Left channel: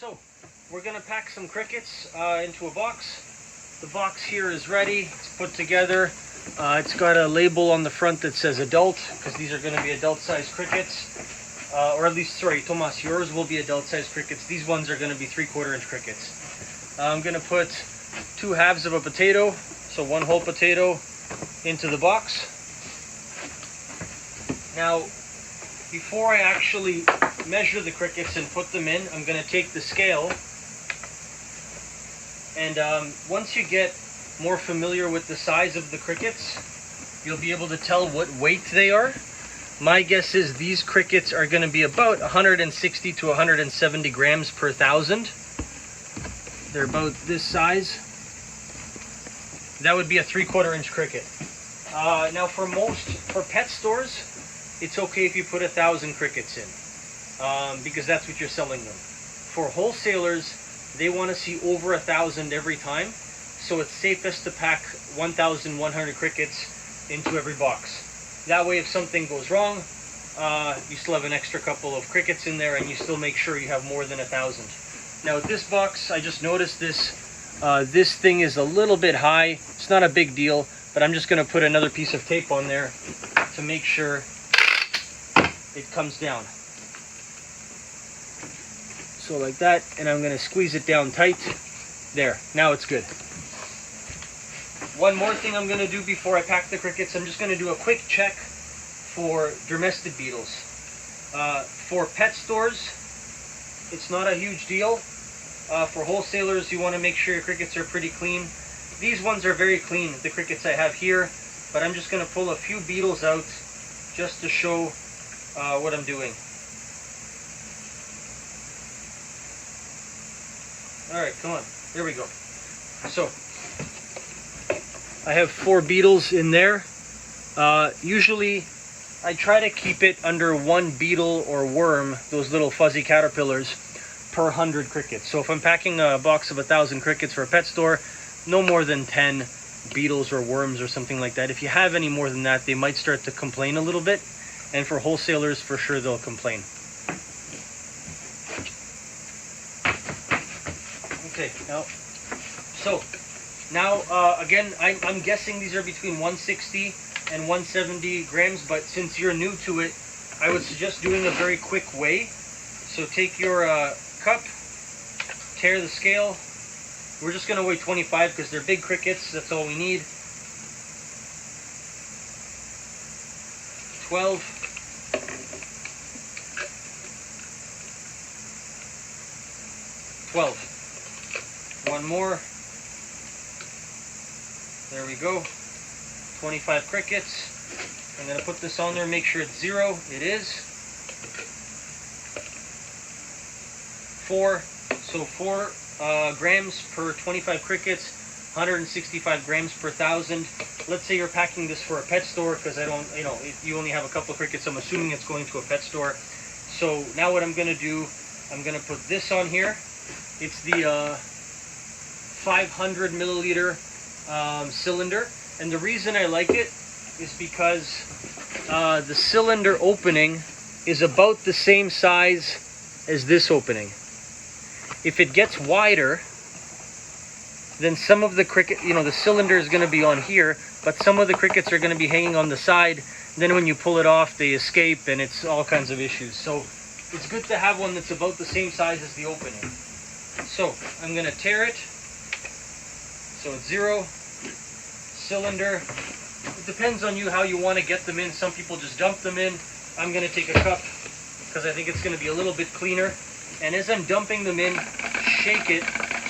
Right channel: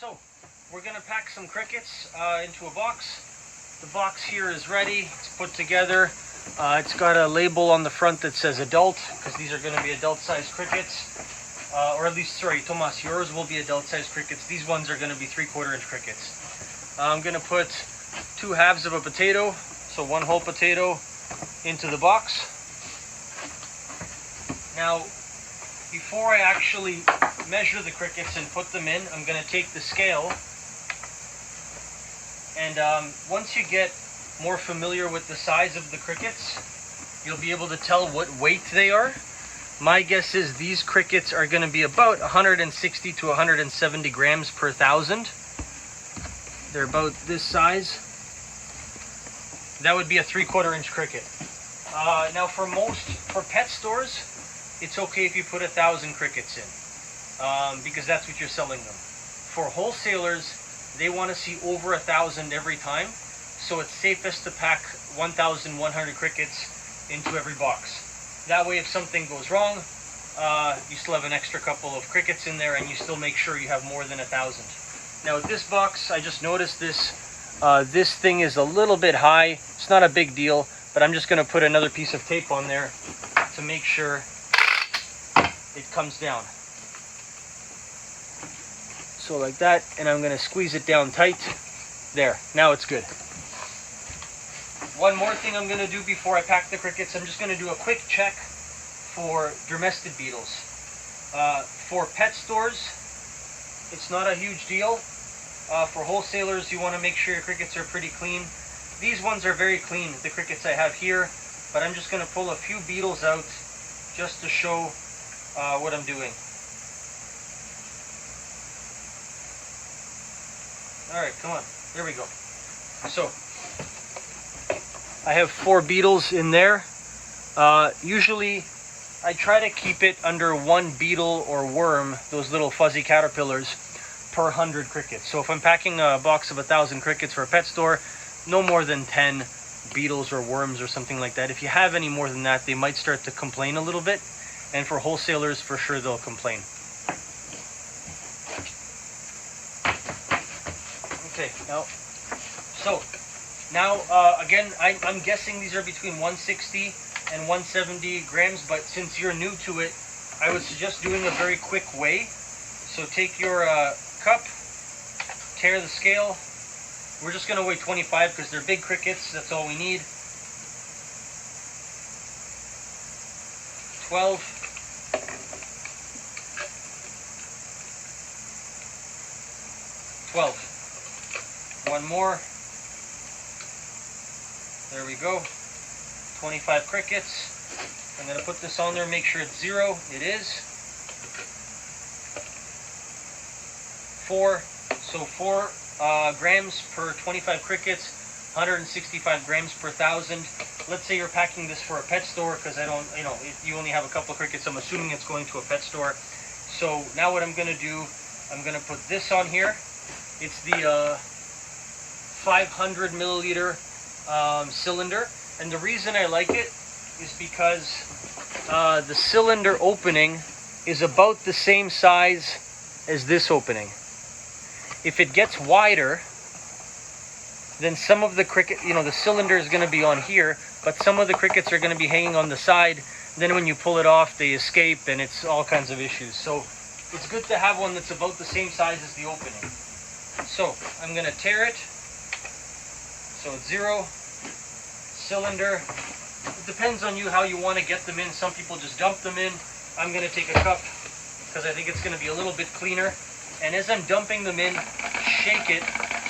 So we're gonna pack some crickets into a box. The box here is ready, it's put together. It's got a label on the front that says adult, because these are gonna be adult-sized crickets. Or at least, sorry, Tomas, yours will be adult-sized crickets. These ones are gonna be 3/4 inch crickets. I'm gonna put 2 halves of a potato, so 1 whole potato into the box. Now, before I actually measure the crickets and put them in, I'm going to take the scale. And once you get more familiar with the size of the crickets, you'll be able to tell what weight they are. My guess is these crickets are going to be about 160 to 170 grams per thousand. They're about this size. That would be a 3/4 inch cricket. Now for pet stores, it's okay if you put 1,000 crickets in, because that's what you're selling them. For wholesalers, they want to see over 1,000 every time, so it's safest to pack 1,100 crickets into every box. That way, if something goes wrong, you still have an extra couple of crickets in there, and you still make sure you have more than 1,000. Now with this box, I just noticed this thing is a little bit high. It's not a big deal, but I'm just going to put another piece of tape on there to make sure it comes down. So like that, and I'm going to squeeze it down tight. There, now it's good. One more thing I'm going to do before I pack the crickets, I'm just going to do a quick check for dermestid beetles. For pet stores, it's not a huge deal. For wholesalers, you want to make sure your crickets are pretty clean. These ones are very clean, the crickets I have here, but I'm just going to pull a few beetles out just to show what I'm doing. Alright, come on. There we go. So, I have 4 beetles in there. Usually, I try to keep it under 1 beetle or worm, those little fuzzy caterpillars, per 100 crickets. So if I'm packing a box of 1,000 crickets for a pet store, no more than 10 beetles or worms or something like that. If you have any more than that, they might start to complain a little bit. And for wholesalers, for sure they'll complain. Okay, now again, I'm guessing these are between 160 and 170 grams, but since you're new to it, I would suggest doing a very quick weigh. So take your cup, tear the scale. We're just going to weigh 25 because they're big crickets, that's all we need. 12. 12. One more. There we go. 25 crickets. I'm going to put this on there, make sure it's 0. It is. 4. So 4 grams per 25 crickets, 165 grams per 1,000. Let's say you're packing this for a pet store, because if you only have a couple of crickets, I'm assuming it's going to a pet store. So now what I'm going to do, I'm going to put this on here. It's the 500 milliliter cylinder, and the reason I like it is because the cylinder opening is about the same size as this opening. If it gets wider, then some of the cricket, the cylinder is going to be on here, but some of the crickets are going to be hanging on the side. Then when you pull it off, they escape, and it's all kinds of issues. So it's good to have one that's about the same size as the opening. So I'm going to tear it. So it's 0. Cylinder. It depends on you how you want to get them in. Some people just dump them in. I'm going to take a cup because I think it's going to be a little bit cleaner. And as I'm dumping them in, shake it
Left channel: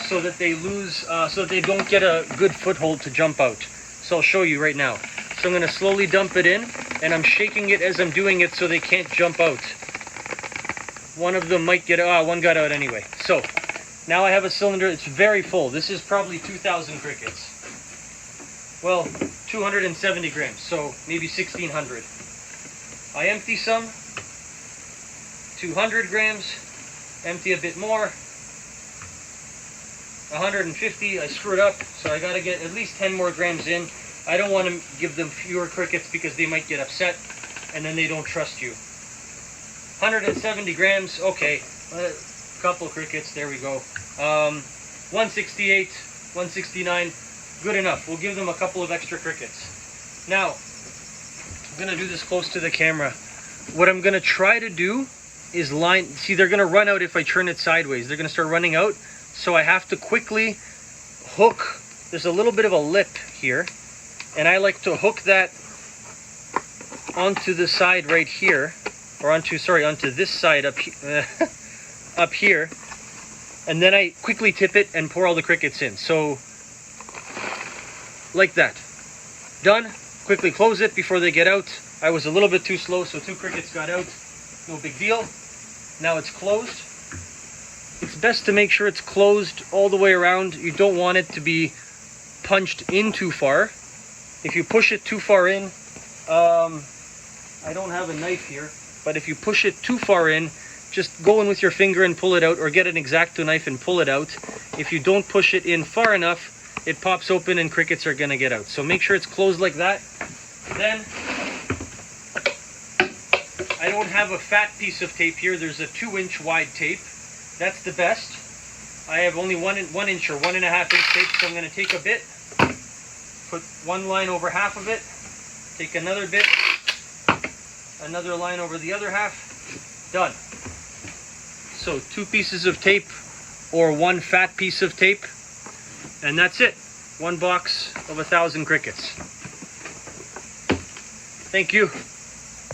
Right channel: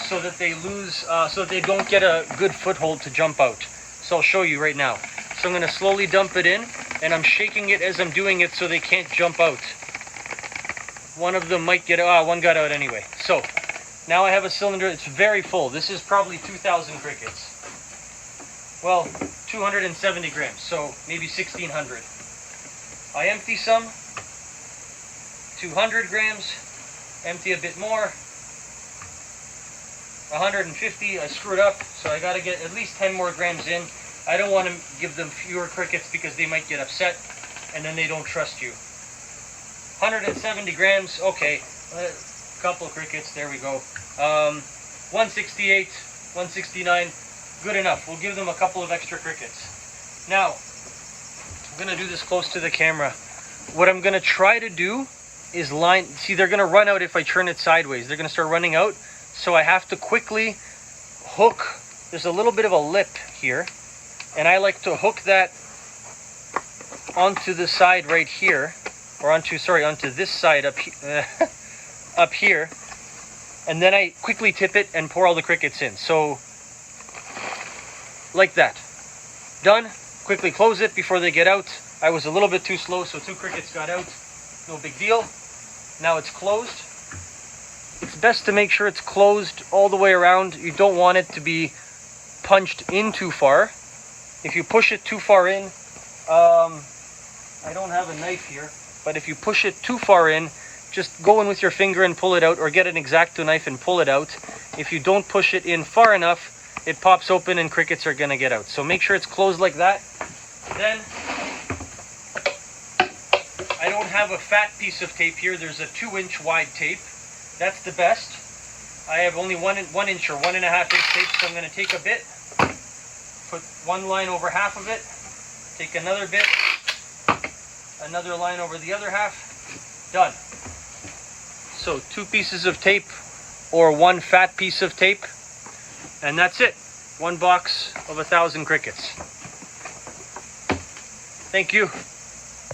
so that they so that they don't get a good foothold to jump out. So I'll show you right now. So I'm going to slowly dump it in, and I'm shaking it as I'm doing it so they can't jump out. One of them might get out. One got out anyway. So now I have a cylinder. It's very full. This is probably 2,000 crickets. Well, 270 grams, so maybe 1,600. I empty some. 200 grams. Empty a bit more. 150. I screwed up, so I got to get at least 10 more grams in. I don't want to give them fewer crickets because they might get upset and then they don't trust you. 170 grams, okay. Couple crickets, there we go. 168, 169, good enough. We'll give them a couple of extra crickets. Now, I'm gonna do this close to the camera. What I'm gonna try to do is line, see they're gonna run out if I turn it sideways. They're gonna start running out. So I have to quickly hook, there's a little bit of a lip here, and I like to hook that onto the side right here, or onto this side up, up here, and then I quickly tip it and pour all the crickets in. So, like that. Done. Quickly close it before they get out. I was a little bit too slow, so 2 crickets got out. No big deal. Now it's closed. It's best to make sure it's closed all the way around. You don't want it to be punched in too far. If you push it too far in, I don't have a knife here, but if you push it too far in, just go in with your finger and pull it out, or get an X-Acto knife and pull it out. If you don't push it in far enough, it pops open and crickets are gonna get out. So make sure it's closed like that. Then, I don't have a fat piece of tape here. There's a 2-inch wide tape. That's the best. I have only 1 inch or 1.5 inch tape, so I'm gonna take a bit, put one line over half of it, take another bit, another line over the other half, done. So 2 pieces of tape or 1 fat piece of tape, and that's it. 1 box of 1,000 crickets. Thank you.